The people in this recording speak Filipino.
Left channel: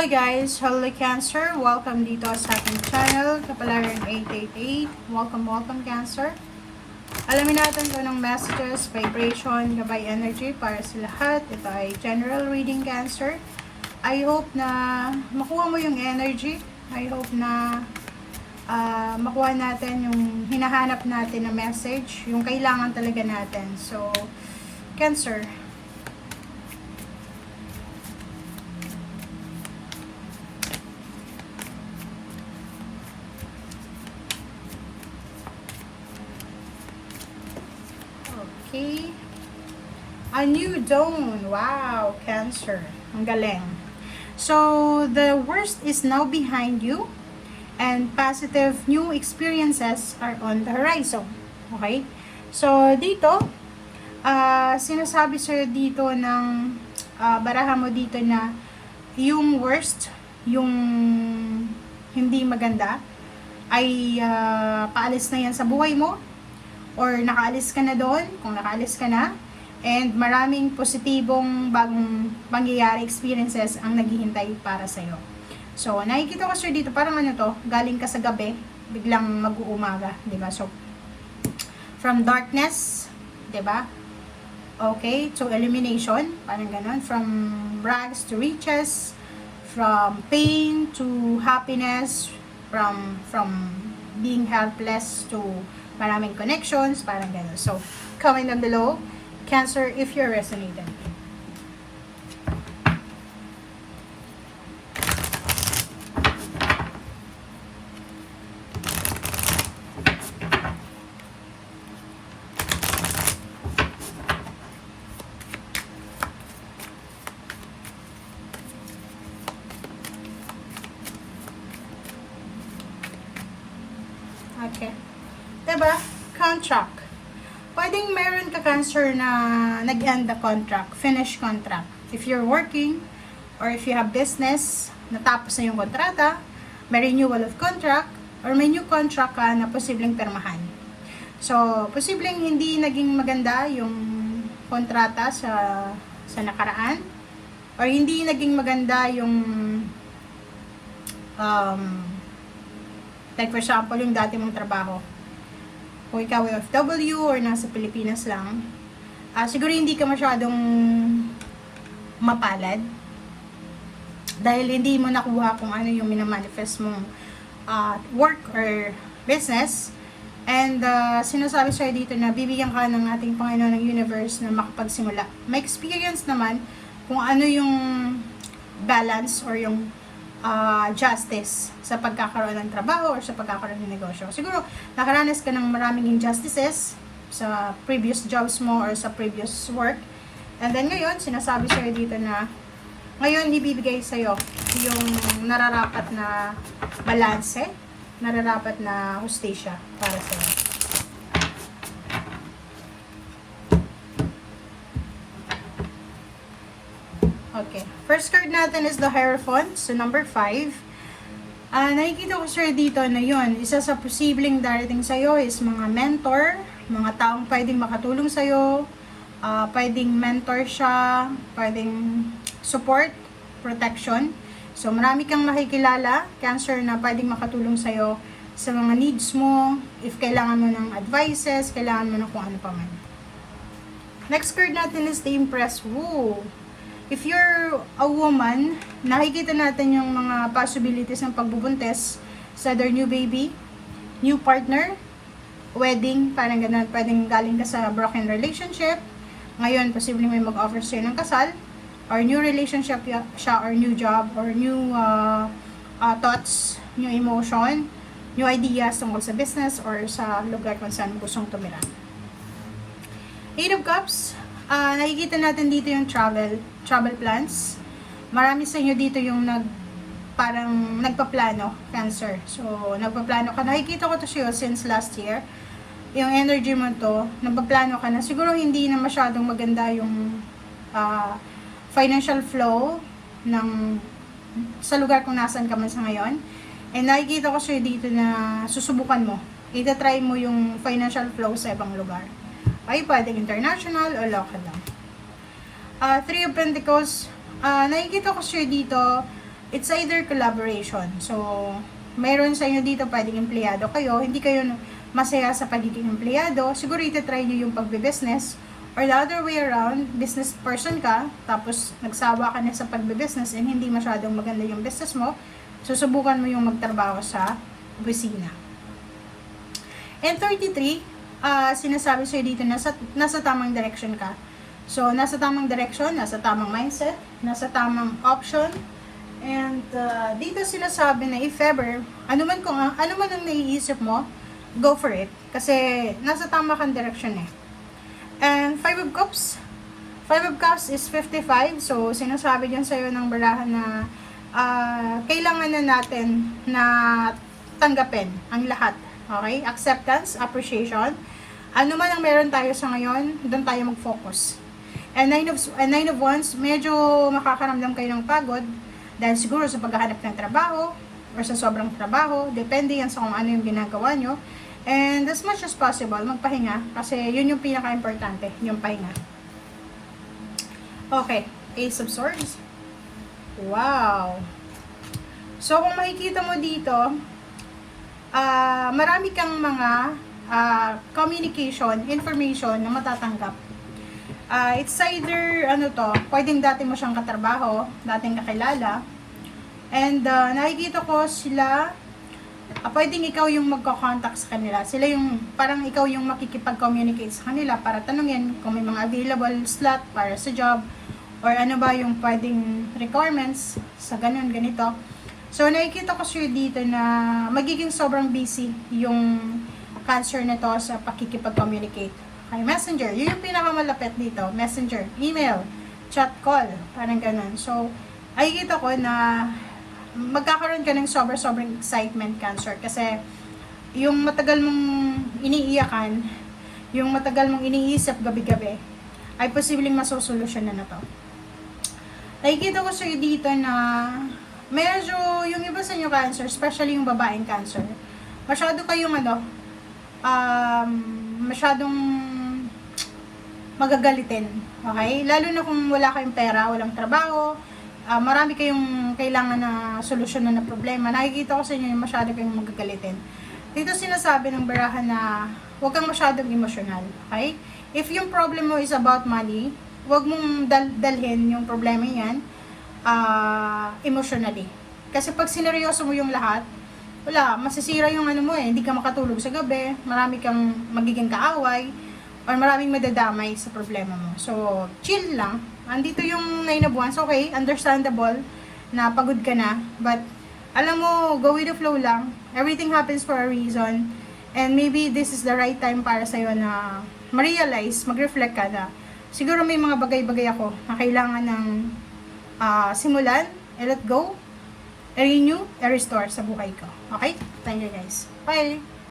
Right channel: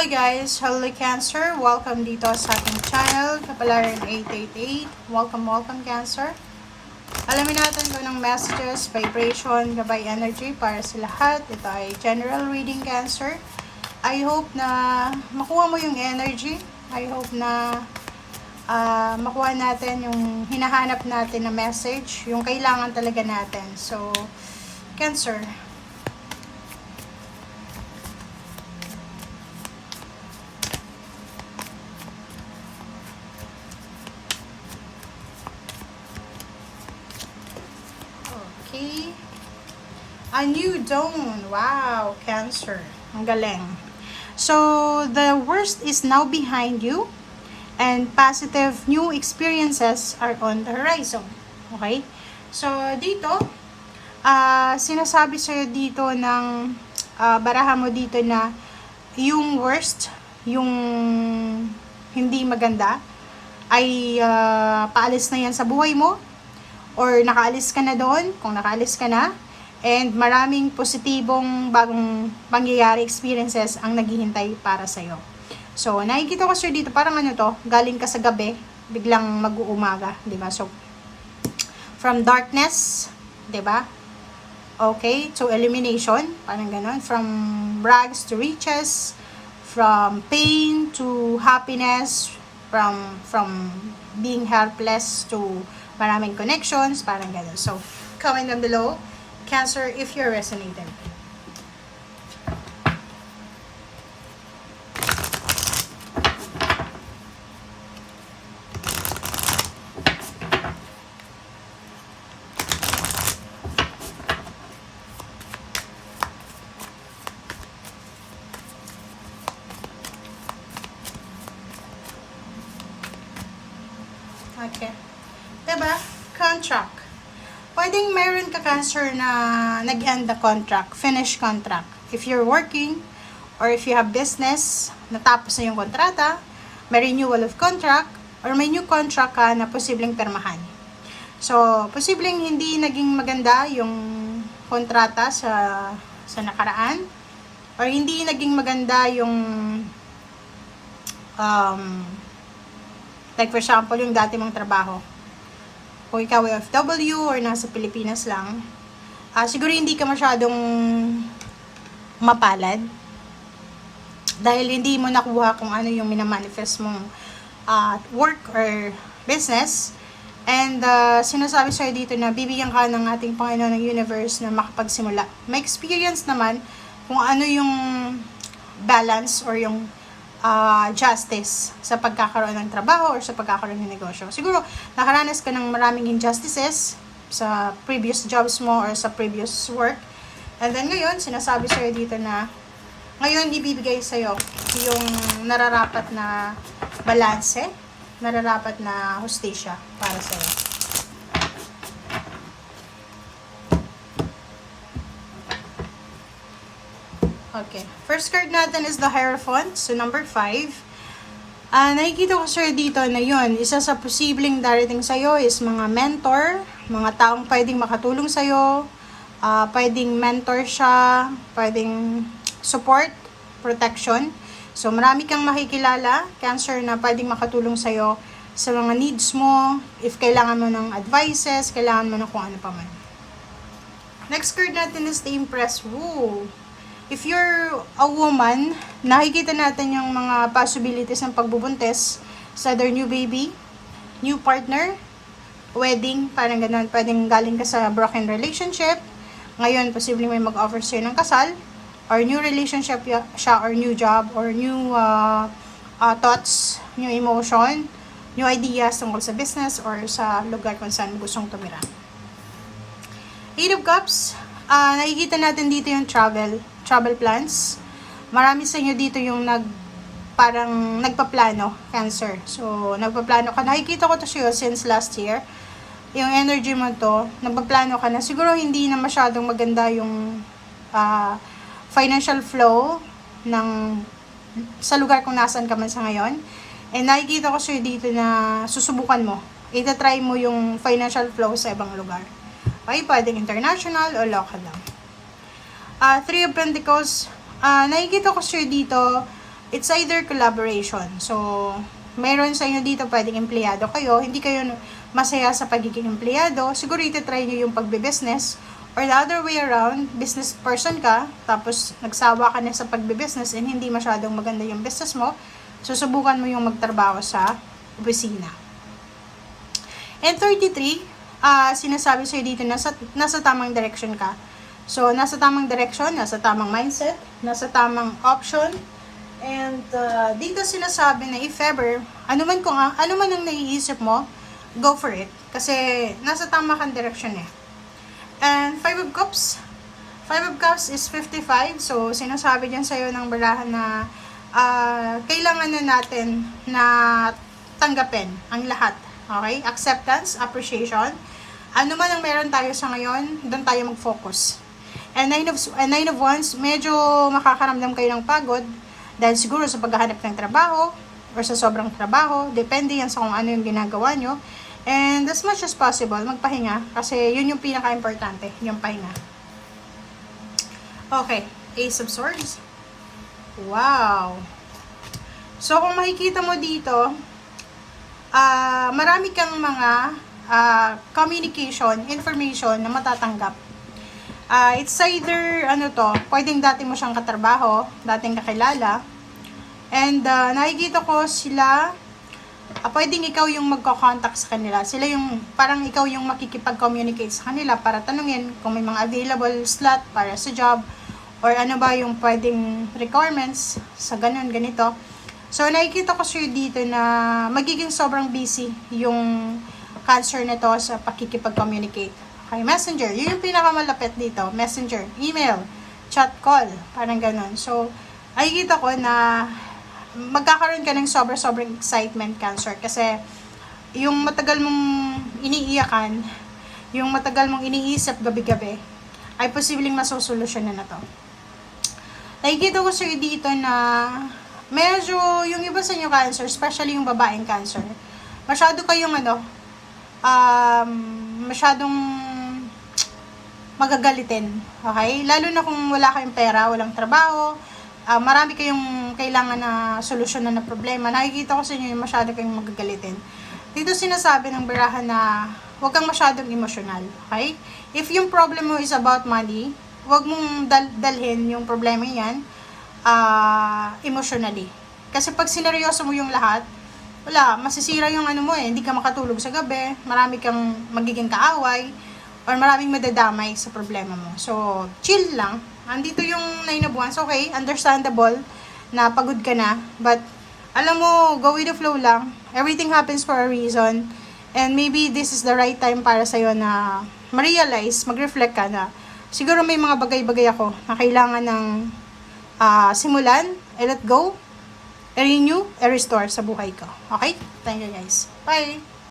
Hello guys! Hello Cancer! Welcome dito sa ating channel, Kapalaran 888. Welcome Cancer! Alamin natin kung anong messages, vibration, gabay energy para sa lahat. Ito ay general reading Cancer. I hope na makuha mo yung energy. I hope na makuha natin yung hinahanap natin na message, yung kailangan talaga natin. So, Cancer. Okay. A new dawn. Wow, Cancer. Ang galing. So, the worst is now behind you and positive new experiences are on the horizon. Okay? So, dito, sinasabi sa'yo dito ng baraha mo dito na yung worst, yung hindi maganda, ay paalis na yan sa buhay mo or nakaalis ka na doon, kung nakaalis ka na, and maraming positibong bagong pangyayari, experiences ang naghihintay para sa'yo. So, nakikita ko sir dito, parang ano to, galing ka sa gabi, biglang mag-uumaga, di ba? So, from darkness, di ba? Okay, to elimination, parang ganon. From rags to riches, from pain to happiness, from being helpless to maraming connections, parang gano'n. So, comment down below, Cancer, if you're resonated. Okay. Diba? Contract. Pwedeng meron ka Cancer na nag-end the contract, finish contract. If you're working or if you have business, natapos na yung kontrata, may renewal of contract, or may new contract ka na posibleng permahan. So, posibleng hindi naging maganda yung kontrata sa nakaraan, or hindi naging maganda yung like for example, yung dati mong trabaho. Kung ikaw ay OFW or nasa Pilipinas lang, siguro hindi ka masyadong mapalad dahil hindi mo nakuha kung ano yung minamanifest mong work or business. And sinasabi sa'yo dito na bibigyan ka ng ating Panginoon ng universe na makapagsimula. May experience naman kung ano yung balance or yung justice sa pagkakaroon ng trabaho or sa pagkakaroon ng negosyo. Siguro, nakaranas ka ng maraming injustices sa previous jobs mo or sa previous work. And then ngayon, sinasabi sa'yo dito na ngayon ibibigay sa'yo yung nararapat na balanse, nararapat na hustisya para sa'yo. Okay. First card natin is the Hierophant. So, number 5. Nakikita ko sir dito na yun, isa sa posibleng darating sa'yo is mga mentor, mga taong pwedeng makatulong sa'yo, pwedeng mentor siya, pwedeng support, protection. So, marami kang makikilala, Cancer, na pwedeng makatulong sa'yo sa mga needs mo, if kailangan mo ng advices, kailangan mo ng kung ano pa man. Next card natin is the Empress. Woo! If you're a woman, nakikita natin yung mga possibilities ng pagbubuntis sa their new baby, new partner, wedding, parang ganun. Pwedeng galing ka sa broken relationship. Ngayon, posibleng may mag-offer sa'yo ng kasal, or new relationship siya, or new job, or new thoughts, new emotion, new ideas tungkol sa business, or sa lugar kung saan mo gustong tumira. Eight of Cups. Nakikita natin dito yung travel plans. Marami sa inyo dito yung parang nagpaplano, Cancer. So, nagpaplano ka. Nakikita ko to siya since last year. Yung energy mo to, nagpaplano ka na. Siguro hindi na masyadong maganda yung financial flow sa lugar kung nasaan ka man sa ngayon. And nakikita ko siya dito na susubukan mo. Ita-try mo yung financial flow sa ibang lugar. Okay, pwedeng international o local lang. Three of Pentacles, nakikita ko siya dito, it's either collaboration. So, mayroon sa inyo dito pwedeng empleyado kayo, hindi kayo masaya sa pagiging empleyado, siguro ito-try nyo yung pagbe-business, or the other way around, business person ka, tapos nagsawa ka na sa pagbe-business and hindi masyadong maganda yung business mo, susubukan mo yung magtrabaho sa opisina. And 33, sinasabi sa'yo dito, nasa tamang direction ka. So, nasa tamang direction, nasa tamang mindset, nasa tamang option, and dito sinasabi na if ever, ano man ang naiisip mo, go for it. Kasi nasa tama kang direction eh. And 5 of Cups. 5 of Cups is 55. So, sinasabi dyan sa'yo ng barahan na kailangan na natin na tanggapin ang lahat. Okay? Acceptance, appreciation. Ano man ang meron tayo sa ngayon, doon tayo mag-focus. And 9 of Wands, medyo makakaramdam kayo ng pagod dahil siguro sa paghahanap ng trabaho or sa sobrang trabaho. Depende yan sa kung ano yung ginagawa nyo. And as much as possible, magpahinga kasi yun yung pinaka-importante, yung pahinga. Okay, Ace of Swords. Wow! So, kung makikita mo dito, marami kang mga communication, information na matatanggap. It's either, pwedeng dati mo siyang katrabaho, dating kakilala, and nakikita ko sila, pwedeng ikaw yung magko-contact sa kanila. Sila yung, parang ikaw yung makikipag-communicate sa kanila para tanungin kung may mga available slot para sa job, or ano ba yung pwedeng requirements sa ganito. So, nakikita ko sa'yo dito na magiging sobrang busy yung Cancer na to sa pakikipag-communicate. Okay, Messenger, yun yung pinakamalapit dito. Messenger, email, chat, call, parang ganun. So, nakikita ko na magkakaroon ka ng sobrang excitement, Cancer. Kasi, yung matagal mong iniiyakan, yung matagal mong iniisip gabi-gabi, ay posibleng masosolusyon na to. Nakikita ko sa'yo dito na medyo, yung iba sa inyo, Cancer, especially yung babaeng Cancer, masyado kayong masyadong magagalitin. Okay? Lalo na kung wala kayong pera, walang trabaho, marami kayong kailangan na solusyonan na problema. Nakikita ko sa inyo yung masyado kayong magagalitin. Dito sinasabi ng barahan na huwag kang masyadong emosyonal. Okay? If yung problem mo is about money, huwag mong dalhin yung problema yan emotionally. Kasi pag sineryoso mo yung lahat, wala, masisira yung hindi ka makatulog sa gabi, marami kang magiging kaaway, or maraming madadamay sa problema mo. So, chill lang. Andito yung 9 of Wands, okay, understandable na pagod ka na, but alam mo, go with the flow lang. Everything happens for a reason, and maybe this is the right time para sa'yo na ma-realize, mag-reflect ka na siguro may mga bagay-bagay ako na kailangan ng simulan, let go, i-renew, i-restore sa buhay ko. Okay? Thank you guys. Bye!